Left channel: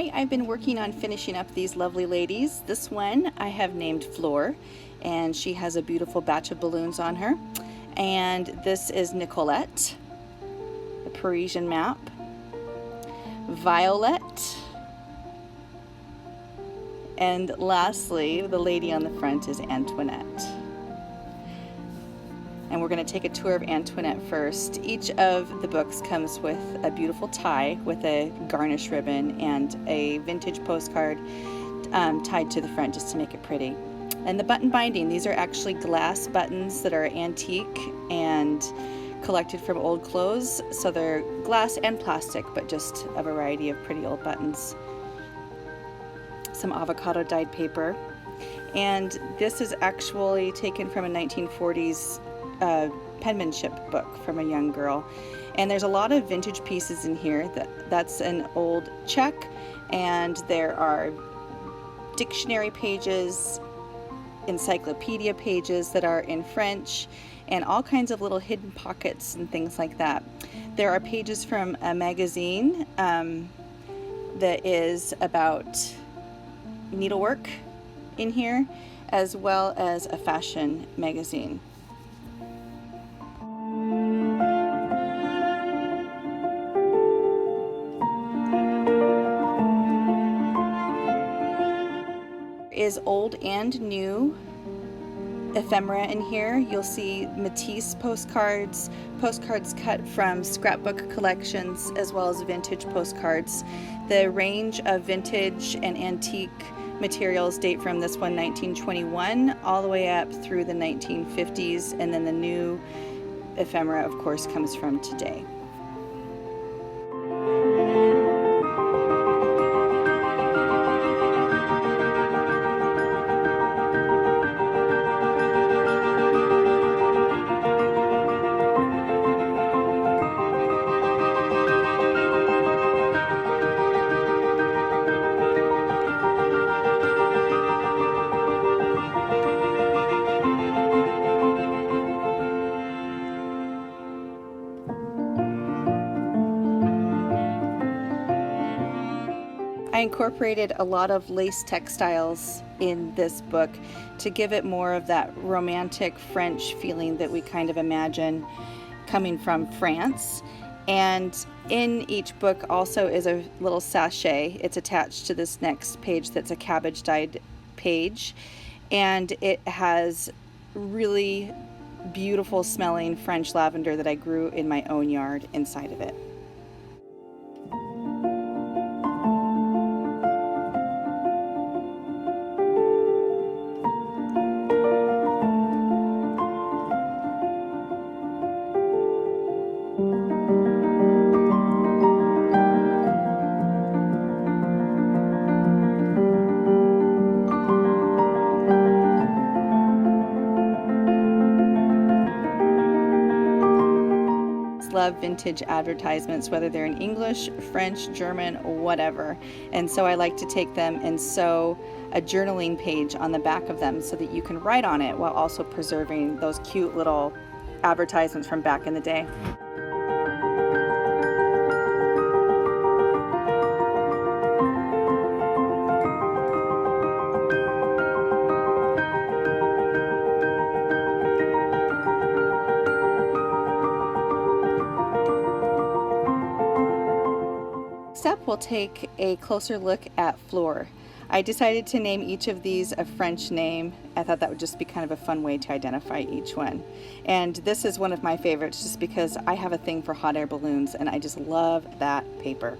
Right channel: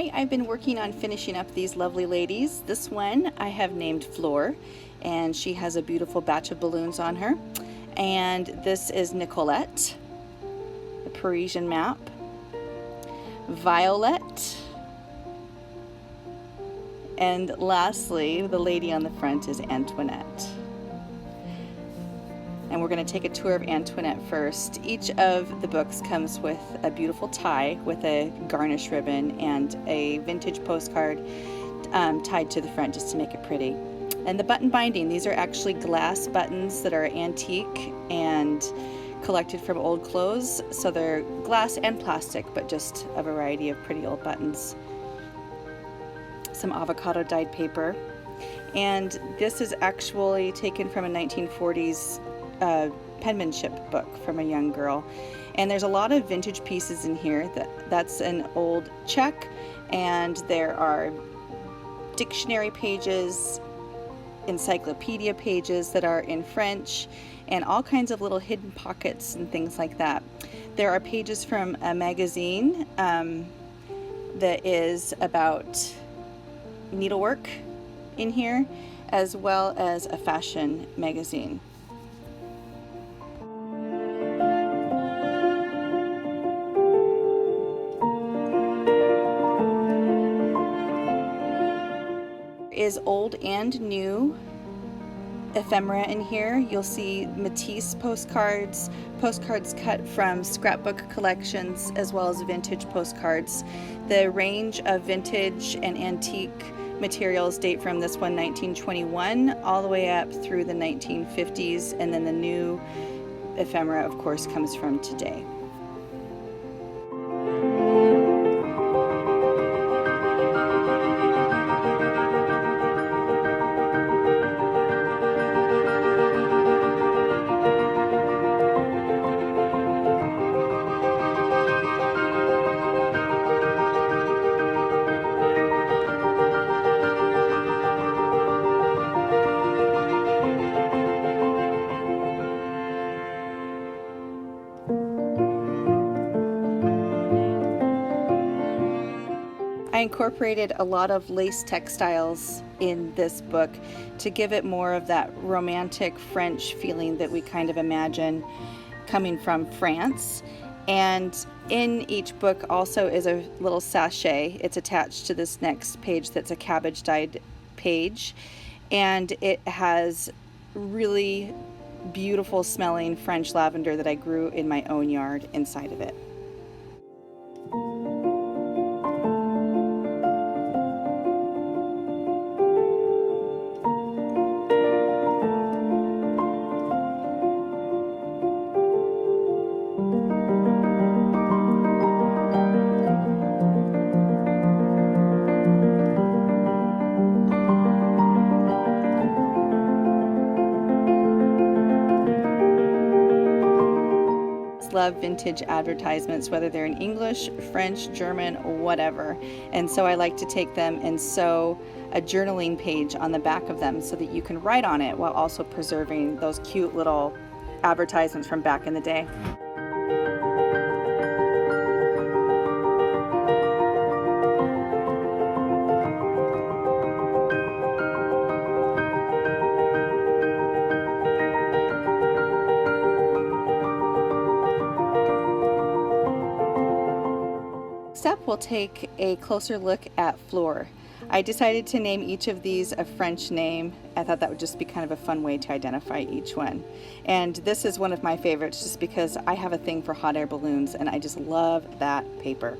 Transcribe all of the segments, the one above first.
Hi, I've been working on finishing up these lovely ladies. This one I have named Fleur, and she has a beautiful batch of balloons on her. And this is Nicolette, the Parisian map. Violette. And lastly, the lady on the front is Antoinette. And we're going to take a tour of Antoinette first. Each of the books comes with a beautiful tie with a garnish ribbon and a vintage postcard tied to the front just to make it pretty. And the button binding, these are actually glass buttons that are antique and collected from old clothes. So they're glass and plastic, but just a variety of pretty old buttons. Some avocado dyed paper. And this is actually taken from a 1940s penmanship book from a young girl, and there's a lot of vintage pieces in here. That's an old check, and there are dictionary pages, encyclopedia pages that are in French, and all kinds of little hidden pockets and things like that. There are pages from a magazine that is about needlework in here, as well as a fashion magazine. Is old and new ephemera in here. You'll see Matisse postcards, postcards cut from scrapbook collections, as well as vintage postcards. The range of vintage and antique materials date from this one 1921 all the way up through the 1950s, and then the new ephemera, of course, comes from today. I incorporated a lot of lace textiles in this book to give it more of that romantic French feeling that we kind of imagine coming from France. And in each book also is a little sachet. It's attached to this next page that's a cabbage dyed page, and it has really beautiful smelling French lavender that I grew in my own yard inside of it. Love vintage advertisements, whether they're in English, French, German, whatever. And so I like to take them and sew a journaling page on the back of them so that you can write on it while also preserving those cute little advertisements from back in the day. Next up, we'll take a closer look at Fleur. I decided to name each of these a French name. I thought that would just be kind of a fun way to identify each one. And this is one of my favorites just because I have a thing for hot air balloons and I just love that paper.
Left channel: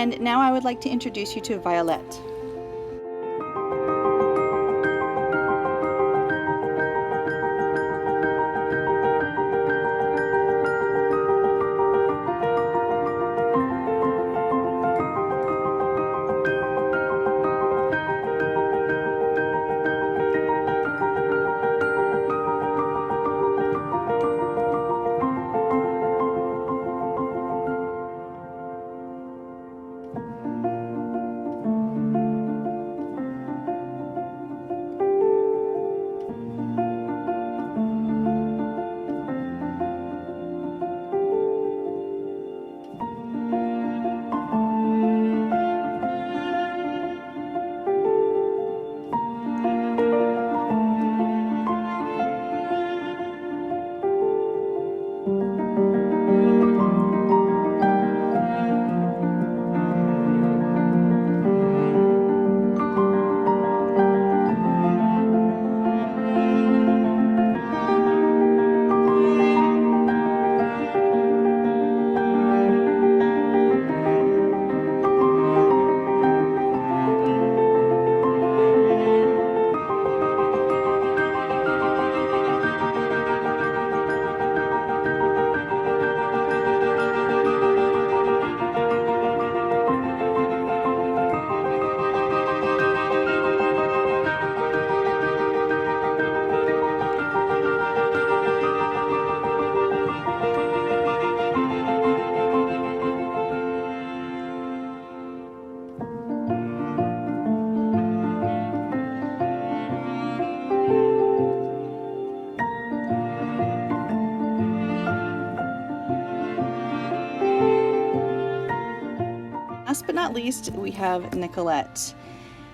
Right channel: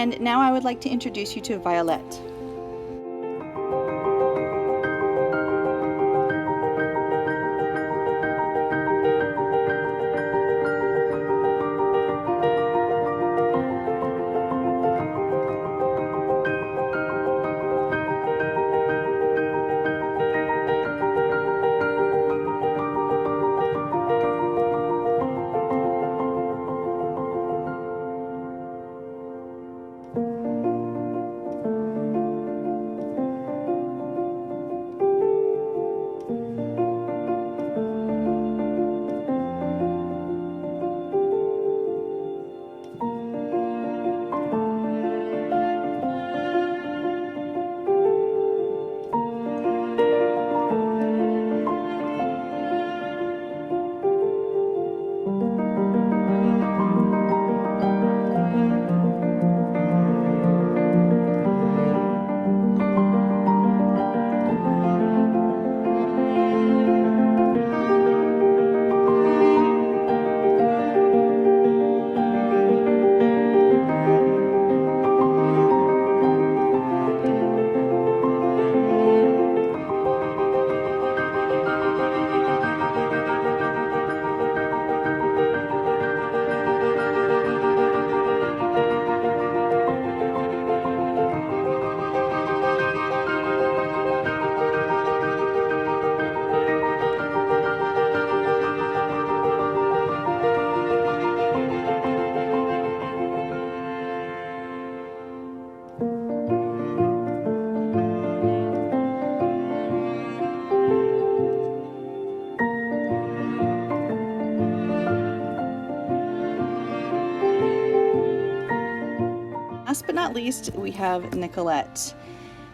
And now I would like to introduce you to Violette. Last but not least, we have Nicolette.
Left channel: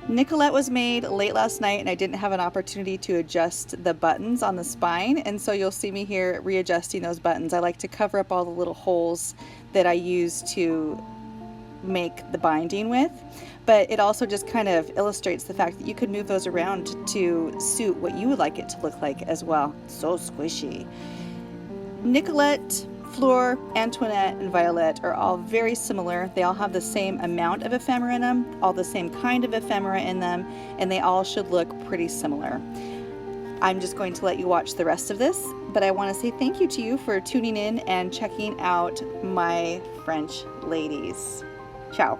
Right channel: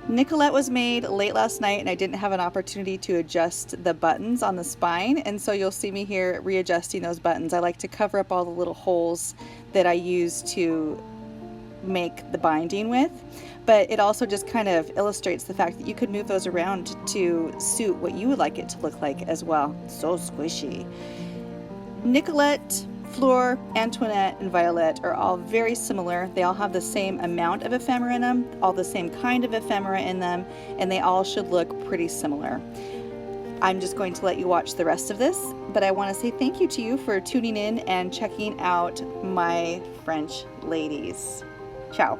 Nicolette was made late last night and I didn't have an opportunity to adjust the buttons on the spine, and so you'll see me here readjusting those buttons. I like to cover up all the little holes that I use to make the binding with, but it also just kind of illustrates the fact that you could move those around to suit what you would like it to look like as well. So squishy. Nicolette, Fleur, Antoinette, and Violette are all very similar. They all have the same amount of ephemera in them, all the same kind of ephemera in them, and they all should look pretty similar. I'm just going to let you watch the rest of this, but I want to say thank you to you for tuning in and checking out my French ladies. Ciao.